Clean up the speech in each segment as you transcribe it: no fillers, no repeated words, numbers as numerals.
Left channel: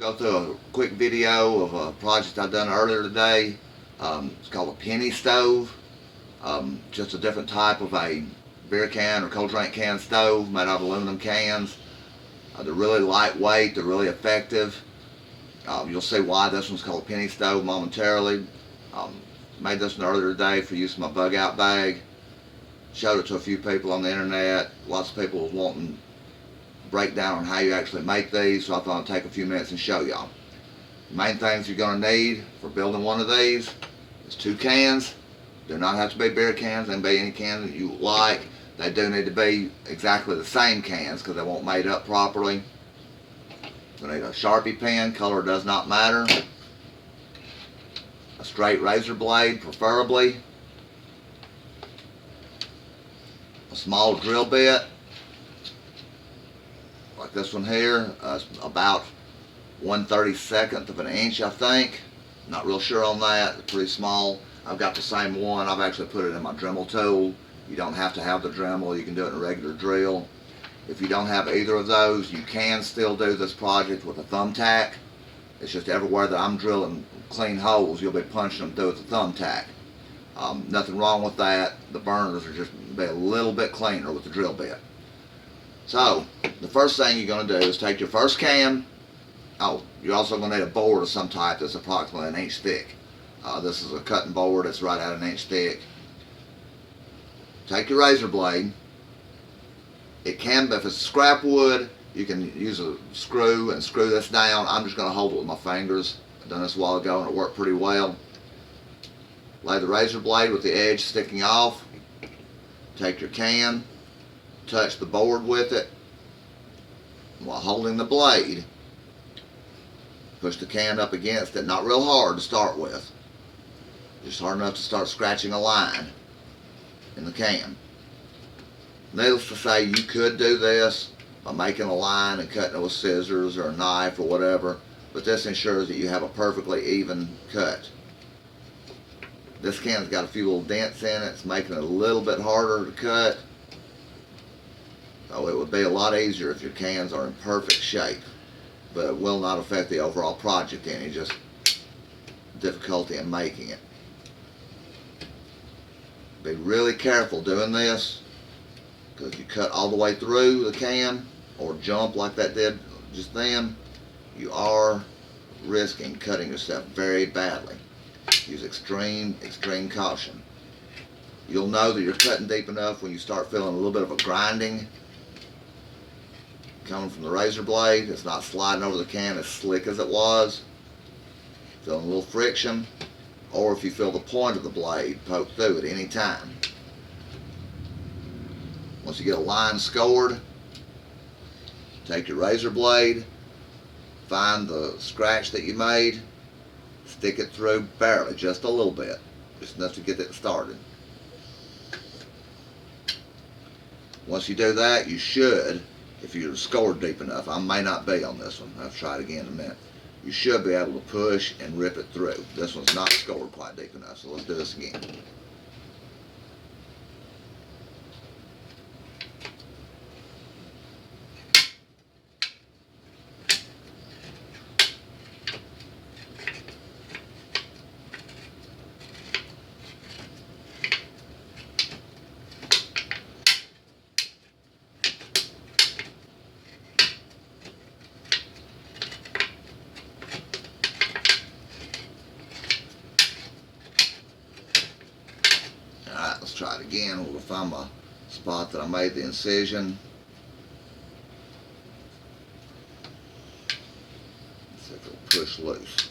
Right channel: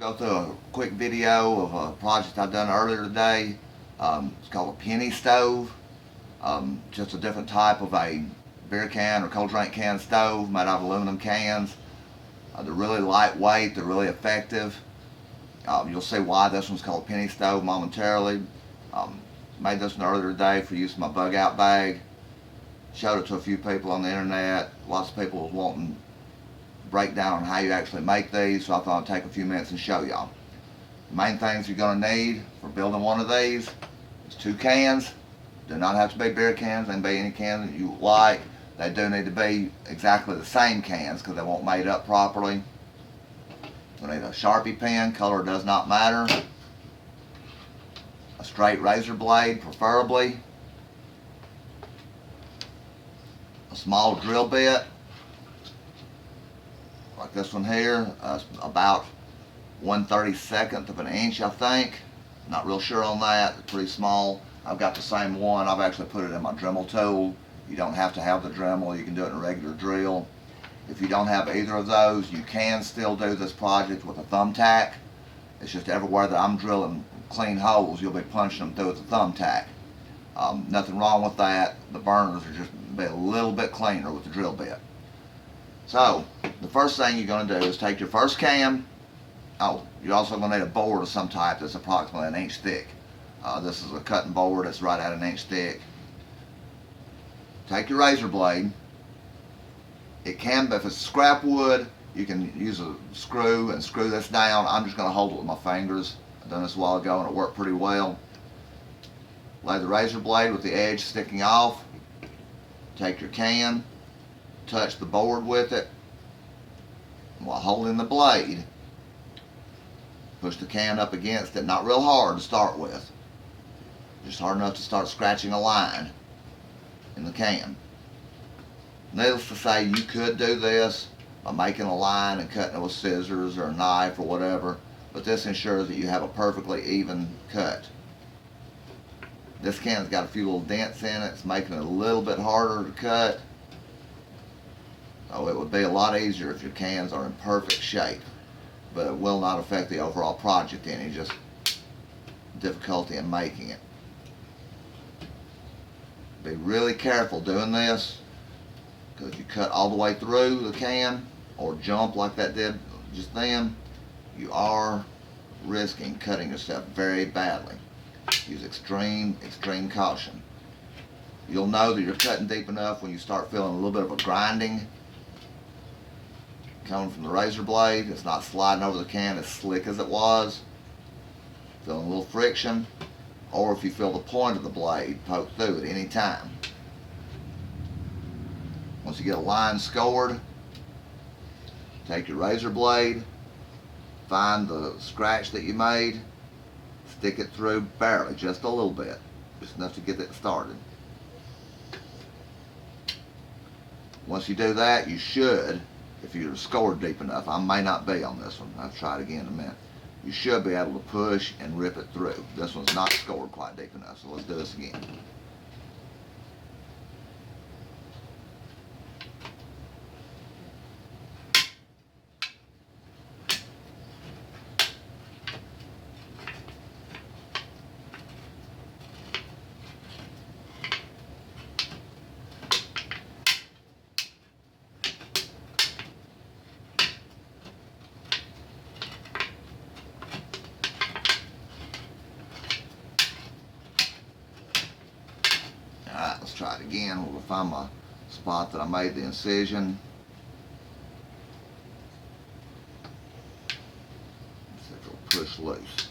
Go through a quick video of a project I done earlier today. It's called a penny stove. Just a different type of a beer can or cold drink can stove made out of aluminum cans. They're really lightweight. They're really effective. You'll see why this one's called a penny stove momentarily. Made this one earlier today for use in my bug out bag. Showed it to a few people on the internet. Lots of people was wanting breakdown on how you actually make these, so I thought I'd take a few minutes and show y'all. The main things you're going to need for building one of these is 2 cans. Do not have to be beer cans. They can be any can that you like. They do need to be exactly the same cans because they won't mate up properly. You'll need a Sharpie pen. Color does not matter. A straight razor blade, preferably. A small drill bit, like this one here, about 1/32 of an inch, I think. Not real sure on that. It's pretty small. I've got the same one. I've actually put it in my Dremel tool. You don't have to have the Dremel. You can do it in a regular drill. If you don't have either of those, you can still do this project with a thumbtack. It's just everywhere that I'm drilling clean holes, you'll be punching them through with a thumbtack. Nothing wrong with that. The burners are just be a little bit cleaner with the drill bit. So, the first thing you're going to do is take your first can. Oh, you're also going to need a board of some type that's approximately 1 inch thick. This is a cutting board that's right at 1 inch thick. Take your razor blade. It can be, if it's scrap wood, you can use a screw and screw this down. I'm just going to hold it with my fingers. I've done this a while ago and it worked pretty well. Lay the razor blade with the edge sticking off. Take your can, touch the board with it. While holding the blade, push the can up against it, not real hard to start with. Just hard enough to start scratching a line in the can. Needless to say, you could do this by making a line and cutting it with scissors or a knife or whatever, but this ensures that you have a perfectly even cut. This can's got a few little dents in it. It's making it a little bit harder to cut. So it would be a lot easier if your cans are in perfect shape, but it will not affect the overall project any, just difficulty in making it. Be really careful doing this, because if you cut all the way through the can or jump like that did just then, you are risking cutting yourself very badly. Use extreme caution. You'll know that you're cutting deep enough when you start feeling a little bit of a grinding coming from the razor blade. It's not sliding over the can as slick as it was. Feeling a little friction, or if you feel the point of the blade poke through at any time. Once you get a line scored, take your razor blade, find the scratch that you made, stick it through barely, just a little bit, just enough to get it started. Once you do that, you should, if you're scored deep enough, I may not be on this one, I'll try it again in a minute, you should be able to push and rip it through. This one's not scored quite deep enough, so let's do this again. Alright, let's try it again. We'll find my spot that I made the incision. Let's see if it'll push loose.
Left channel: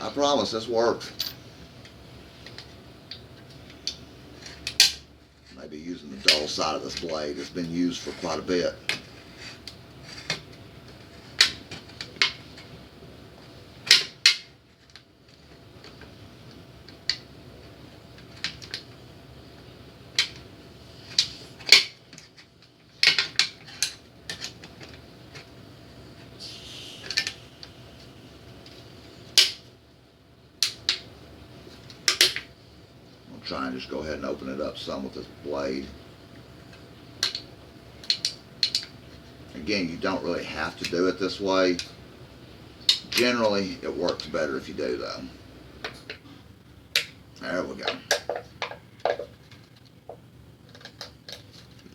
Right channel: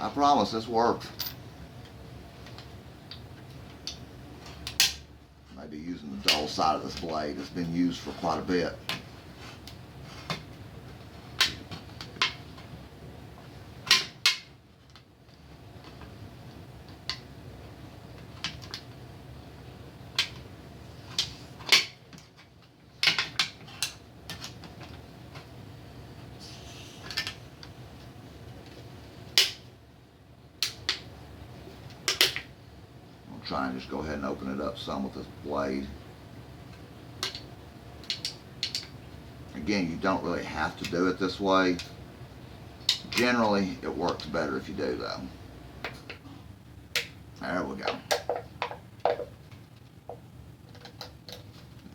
I promise this works. Maybe using the dull side of this blade. It's been used for quite a bit. Try and just go ahead and open it up some with this blade. Again, you don't really have to do it this way. Generally, it works better if you do though. There we go.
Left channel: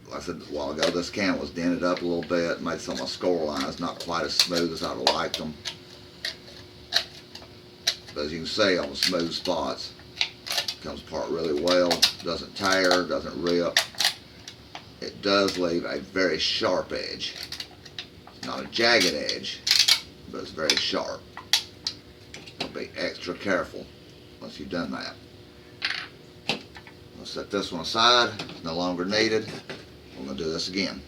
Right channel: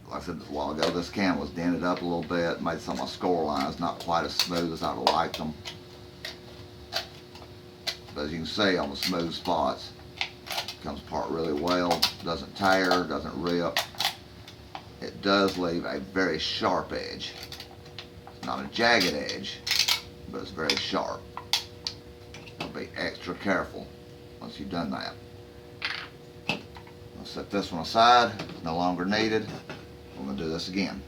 Like I said a while ago, this can was dented up a little bit, made some of my score lines not quite as smooth as I'd have liked them. But as you can see on the smooth spots, it comes apart really well, doesn't tear, doesn't rip. It does leave a very sharp edge. It's not a jagged edge, but it's very sharp. So be extra careful once you've done that. I'll set this one aside, it's no longer needed. We're going to do this again.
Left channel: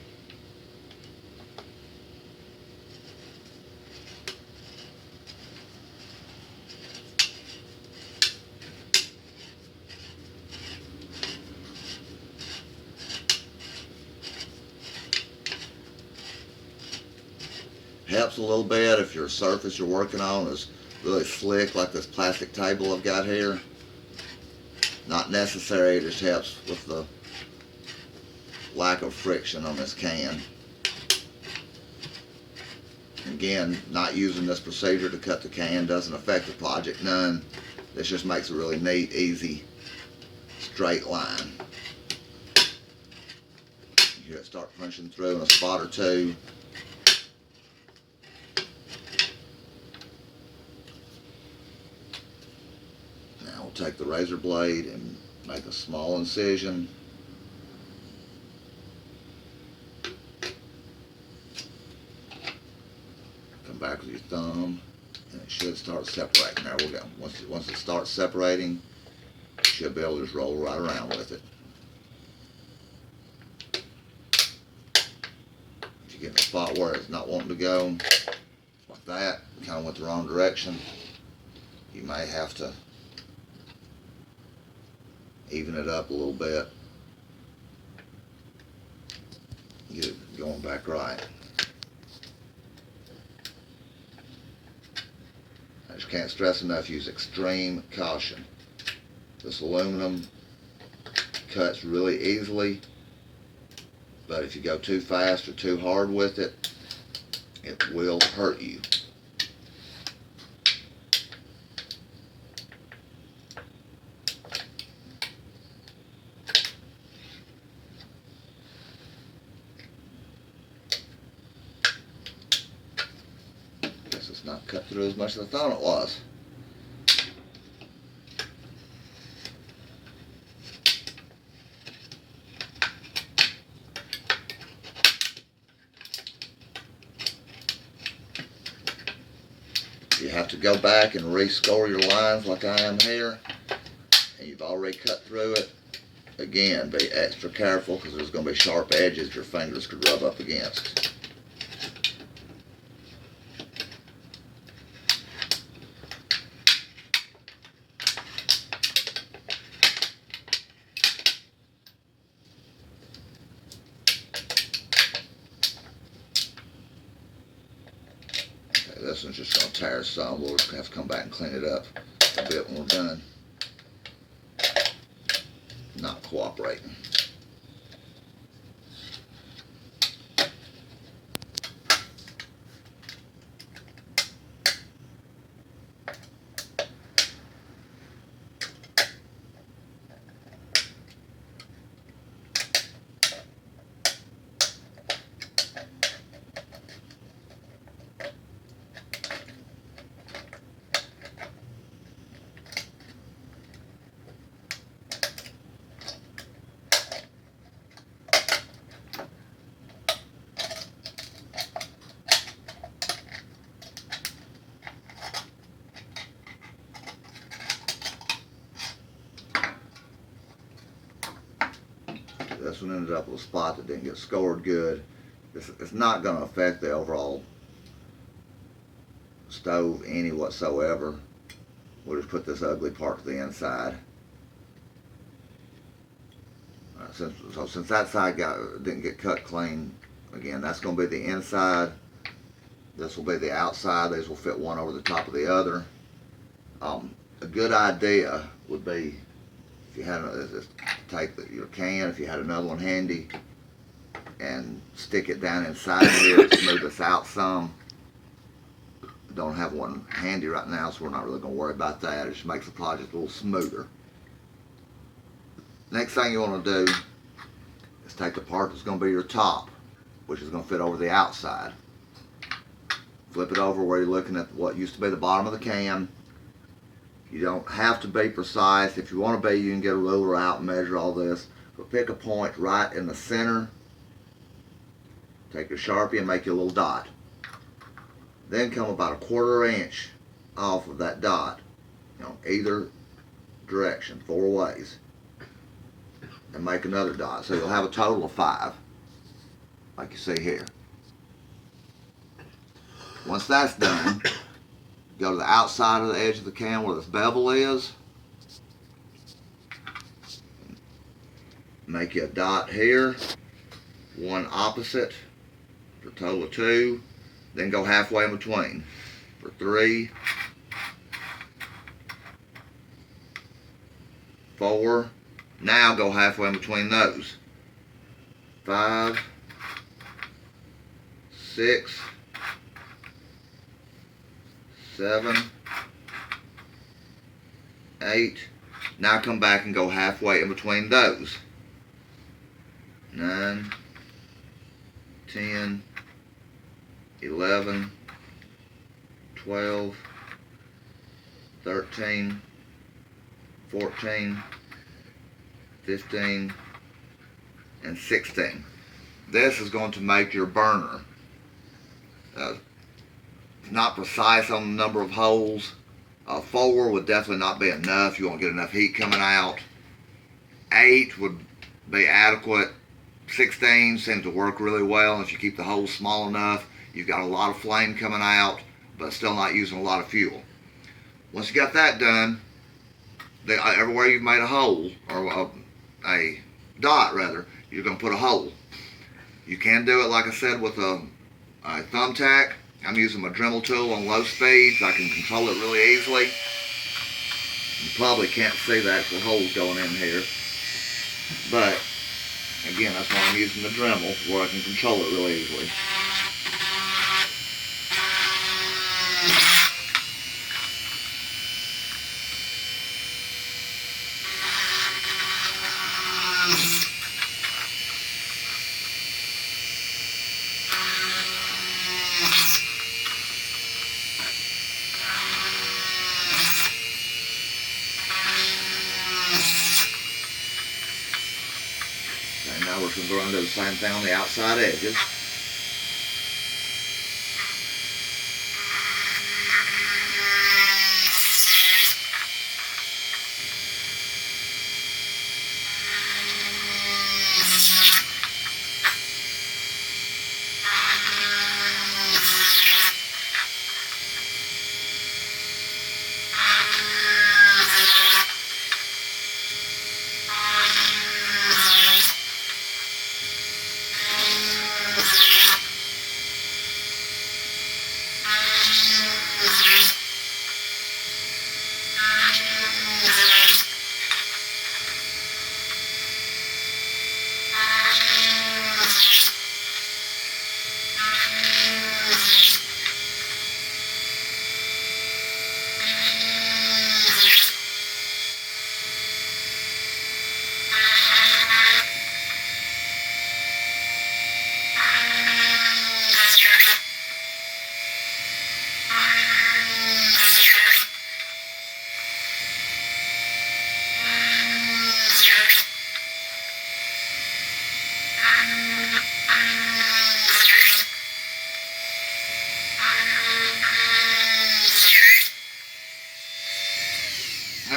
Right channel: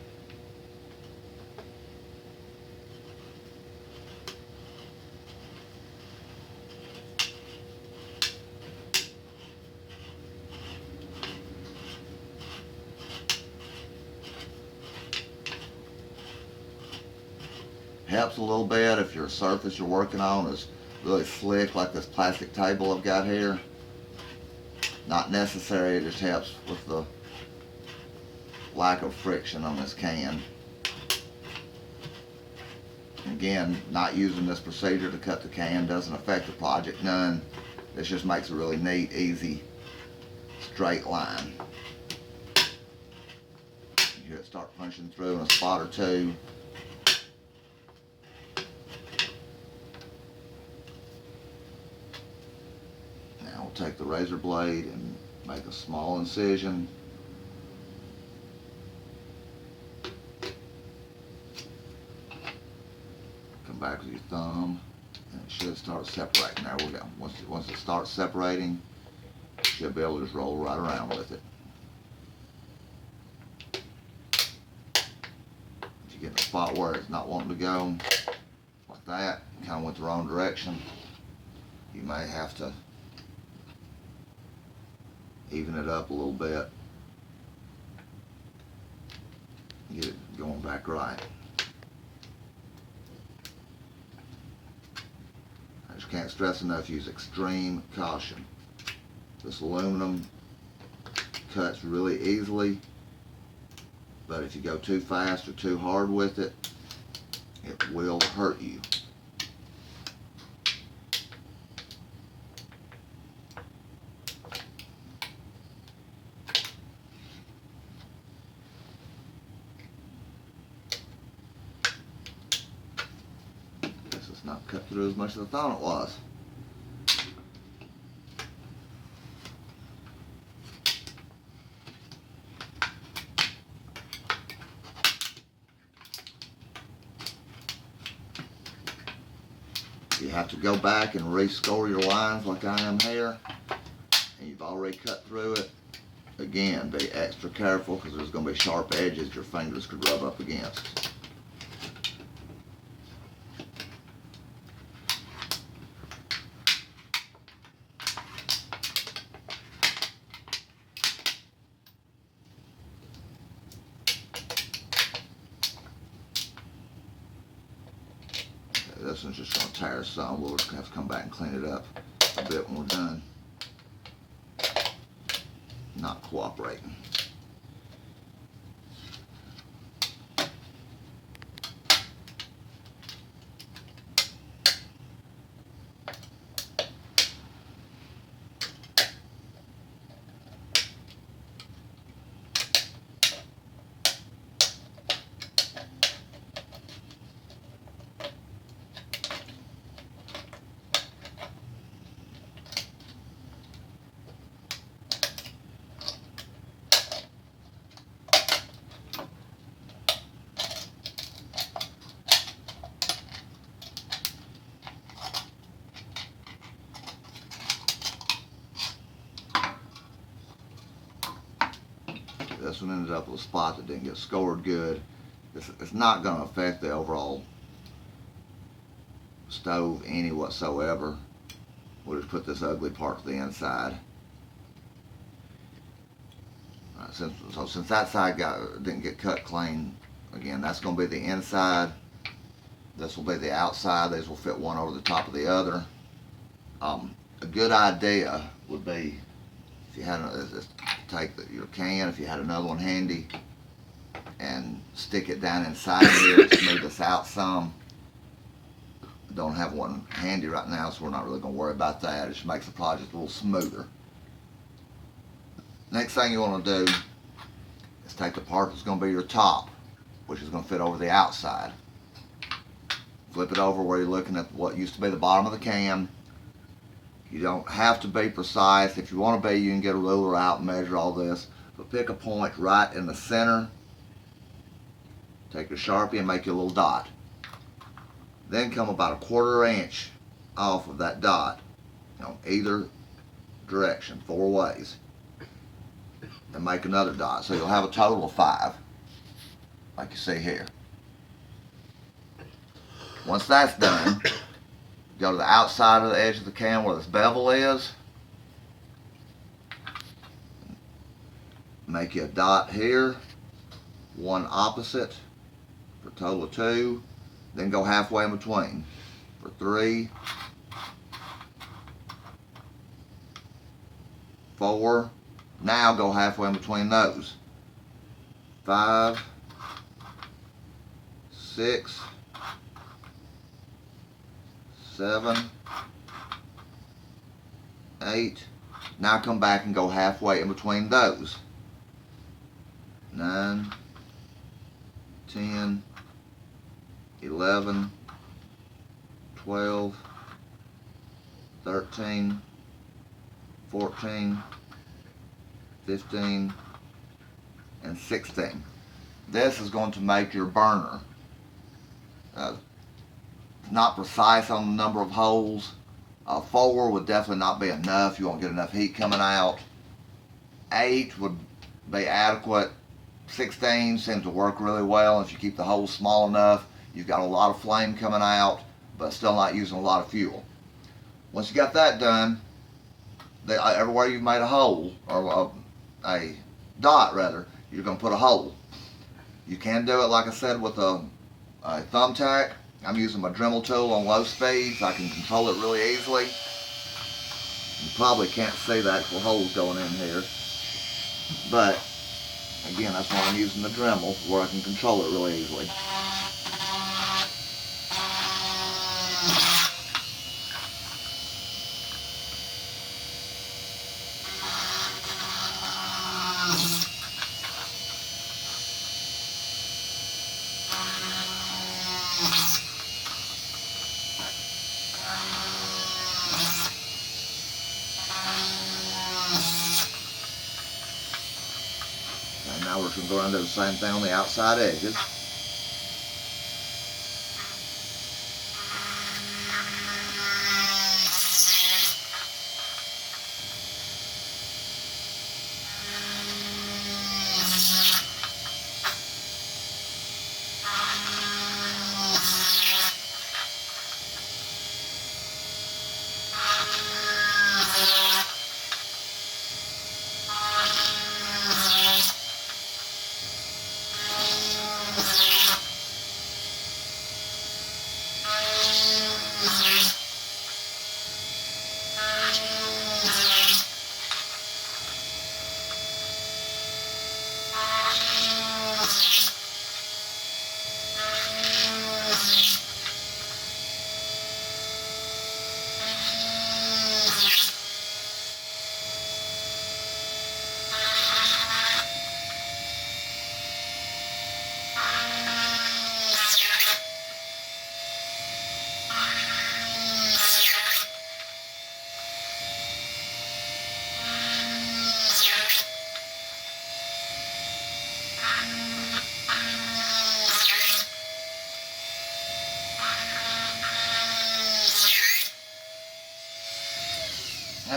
Helps a little bit if your surface you're working on is really slick like this plastic table I've got here. Not necessary, it just helps with the lack of friction on this can. Again, not using this procedure to cut the can doesn't affect the project none. This just makes a really neat, easy, straight line. You hear it start punching through in a spot or two. Now we'll take the razor blade and make a small incision. Come back with your thumb and it should start separating. There we go. Once it starts separating, you should be able to just roll right around with it. If you get in a spot where it's not wanting to go, like that, kind of went the wrong direction, you may have to even it up a little bit, get it going back right. I just can't stress enough, use extreme caution. This aluminum cuts really easily, but if you go too fast or too hard with it, it will hurt you. Guess it's not cut through as much as I thought it was. You have to go back and rescore your lines like I am here, and you've already cut through it. Again, be extra careful because there's going to be sharp edges your fingers could rub up against. This one's just going to tear some. We'll just have to come back and clean it up a bit when we're done. Not cooperating. This one ended up with a spot that didn't get scored good. It's not going to affect the overall stove any whatsoever. We'll just put this ugly part to the inside. Since that side didn't get cut clean, again, that's going to be the inside. This will be the outside. These will fit one over the top of the other. A good idea would be, if you had take your can, if you had another one handy, and stick it down inside here to smooth this out some. Don't have one handy right now, so we're not really going to worry about that. It just makes the project a little smoother. Next thing you want to do is take the part that's going to be your top, which is going to fit over the outside. Flip it over where you're looking at what used to be the bottom of the can. You don't have to be precise. If you want to be, you can get a ruler out and measure all this. But pick a point right in the center. Take your Sharpie and make you a little dot. Then come about 1/4 inch off of that dot, either direction, 4 ways, and make another dot. So you'll have a total of 5, like you see here. Once that's done, go to the outside of the edge of the can where this bevel is. Make you a dot here, one opposite, for a total of 2. Then go halfway in between for 3, 4. Now go halfway in between those. 5, 6, 7, 8. Now come back and go halfway in between those. 9, 10, 11, 12, 13, 14, 15, and 16. This is going to make your burner. Not precise on the number of holes. 4 would definitely not be enough. You won't get enough heat coming out. 8 would be adequate. 16 seems to work really well. If you keep the holes small enough, you've got a lot of flame coming out, but still not using a lot of fuel. Once you got that done, everywhere you've made a hole, or a dot rather, you're going to put a hole. You can do it, like I said, with a thumbtack. I'm using my Dremel tool on low speeds. I can control it really easily. You probably can't see the actual holes going in here, but again, that's why I'm using the Dremel, where I can control it really easily. And now we're going to go around and do the same thing on the outside edges.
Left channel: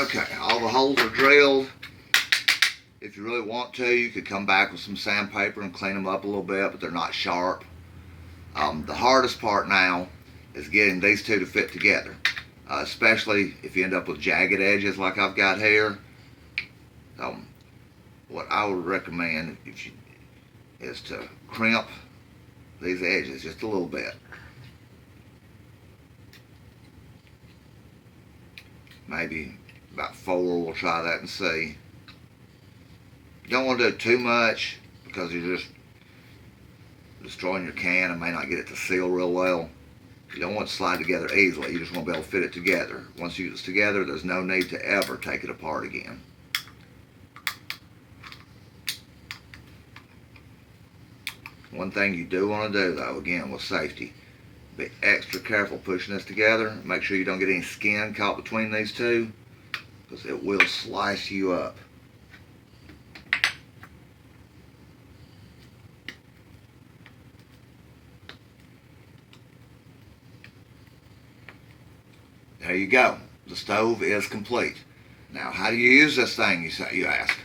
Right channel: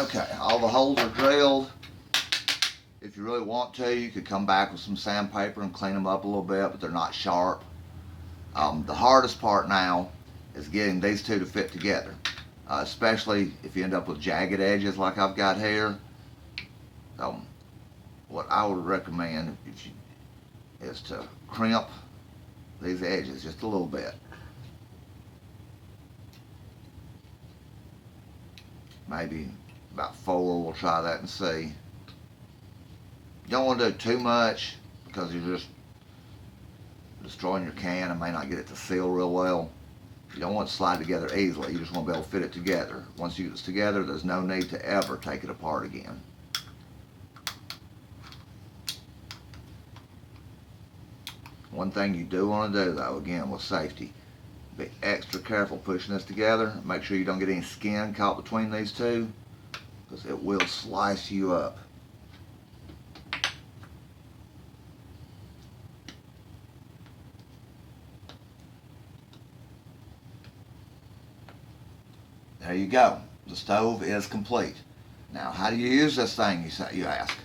Okay, all the holes are drilled. If you really want to, you could come back with some sandpaper and clean them up a little bit, but they're not sharp. The hardest part now is getting these two to fit together, especially if you end up with jagged edges like I've got here. What I would recommend is to crimp these edges just a little bit. Maybe about 4, we'll try that and see. You don't want to do too much because you destroying your can and may not get it to seal real well. You don't want it to slide together easily. You just want to be able to fit it together. Once you get it together, there's no need to ever take it apart again. One thing you do want to do, though, again, with safety, be extra careful pushing this together. Make sure you don't get any skin caught between these two, because it will slice you up. There you go. The stove is complete. Now, how do you use this thing, you ask?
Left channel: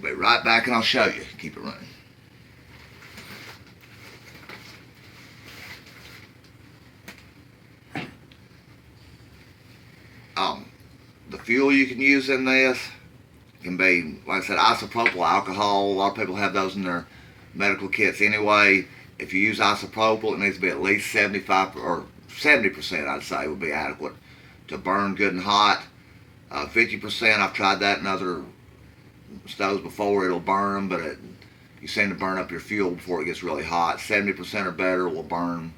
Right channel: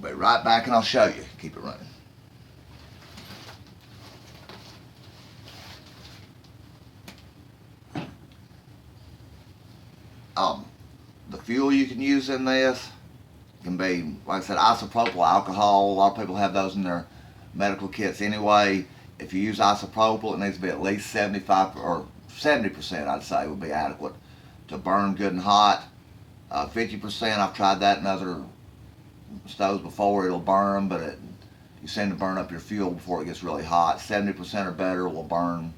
We'll be right back and I'll show you. Keep it running. The fuel you can use in this can be, like I said, isopropyl alcohol. A lot of people have those in their medical kits anyway. If you use isopropyl, it needs to be at least 75 or 70%, I'd say, would be adequate to burn good and hot. 50%, I've tried that in other stoves before. It'll burn, but you seem to burn up your fuel before it gets really hot. 70% or better will burn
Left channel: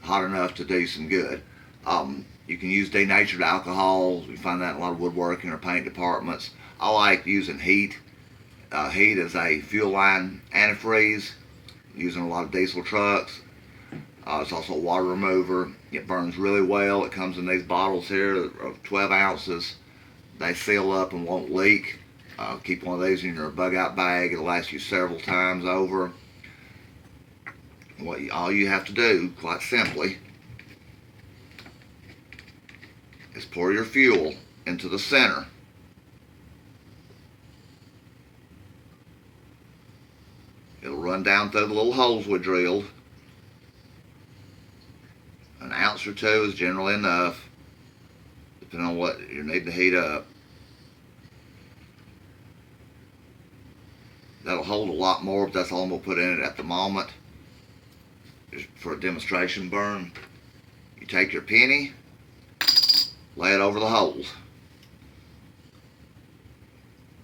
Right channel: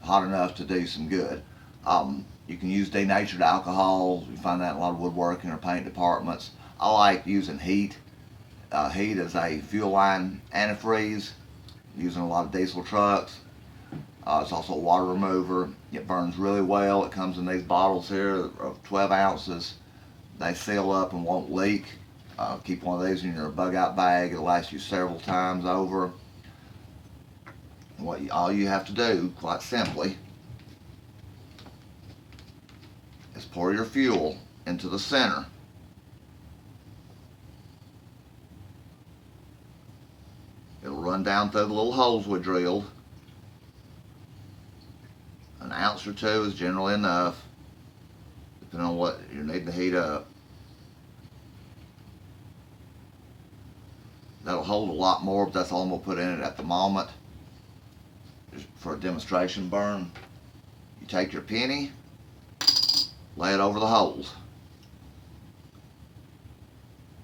hot enough to do some good. You can use denatured alcohols. You find that in a lot of woodworking or paint departments. I like using heat. Heat is a fuel line antifreeze, using a lot of diesel trucks. It's also a water remover. It burns really well. It comes in these bottles here of 12 ounces. They seal up and won't leak. Keep one of these in your bug out bag. It'll last you several times over. All you have to do, quite simply, is pour your fuel into the center. It'll run down through the little holes we drilled. An ounce or two is generally enough, depending on what you need to heat up. That'll hold a lot more, but that's all I'm going to put in it at the moment. Just for a demonstration burn. You take your penny, lay it over the holes.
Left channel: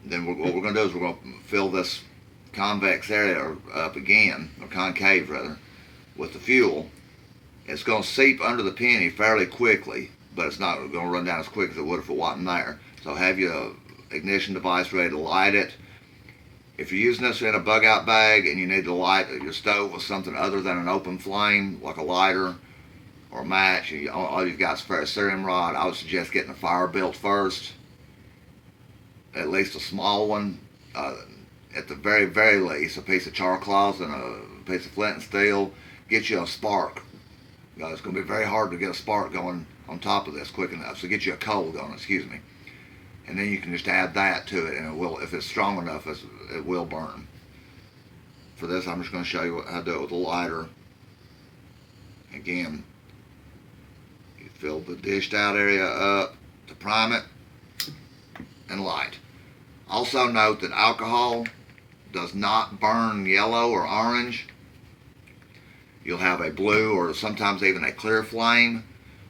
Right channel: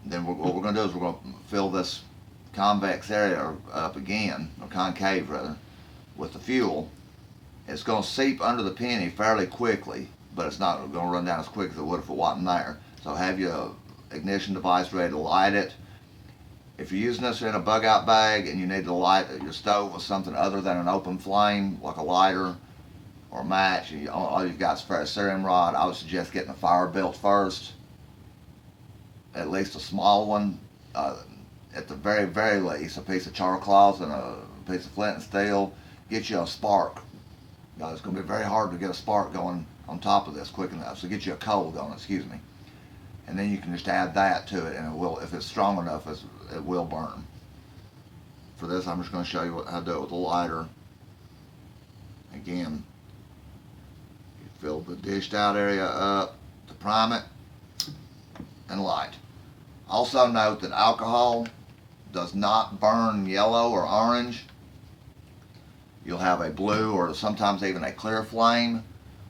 Then what we're going to do is we're going to fill this convex area up again, or concave rather, with the fuel. It's going to seep under the penny fairly quickly, but it's not going to run down as quick as it would if it wasn't there. So have your ignition device ready to light it. If you're using this in a bug out bag and you need to light your stove with something other than an open flame, like a lighter or a match, all you've got is a ferrocerium rod, I would suggest getting a fire belt first. At least a small one. At the very, very least, a piece of char cloth and a piece of flint and steel. Get you a spark. It's going to be very hard to get a spark going on top of this quick enough. So get you a coal going, excuse me. And then you can just add that to it, and it will, if it's strong enough, it will burn. For this, I'm just going to show you how to do it with a lighter. Again, you fill the dished out area up to prime it and light. Also note that alcohol does not burn yellow or orange. You'll have a blue or sometimes even a clear flame.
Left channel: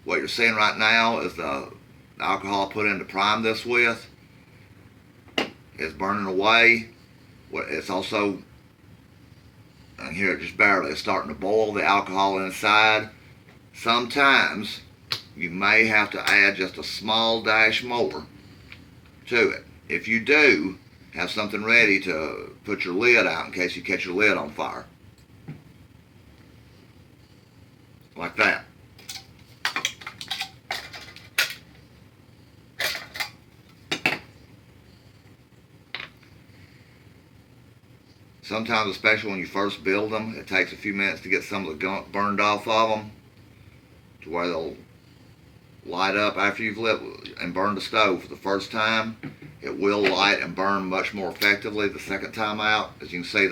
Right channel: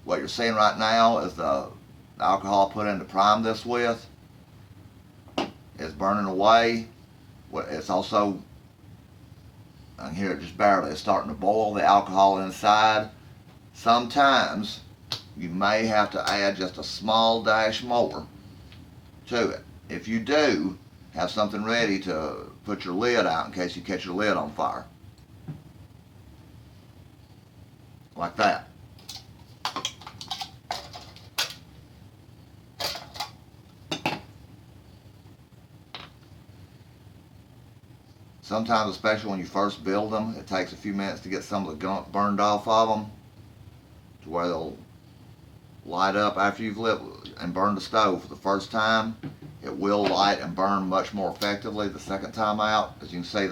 What you're seeing right now is the alcohol put in to prime this with is burning away. It's also, I hear it just barely, it's starting to boil the alcohol inside. Sometimes you may have to add just a small dash more to it. If you do, have something ready to put your lid out in case you catch your lid on fire. Like that. Sometimes, especially when you first build them, it takes a few minutes to get some of the gunk burned off of them to where they'll light up after you've lit and burned the stove for the first time. It will light and burn much more effectively the second time out. As you can see,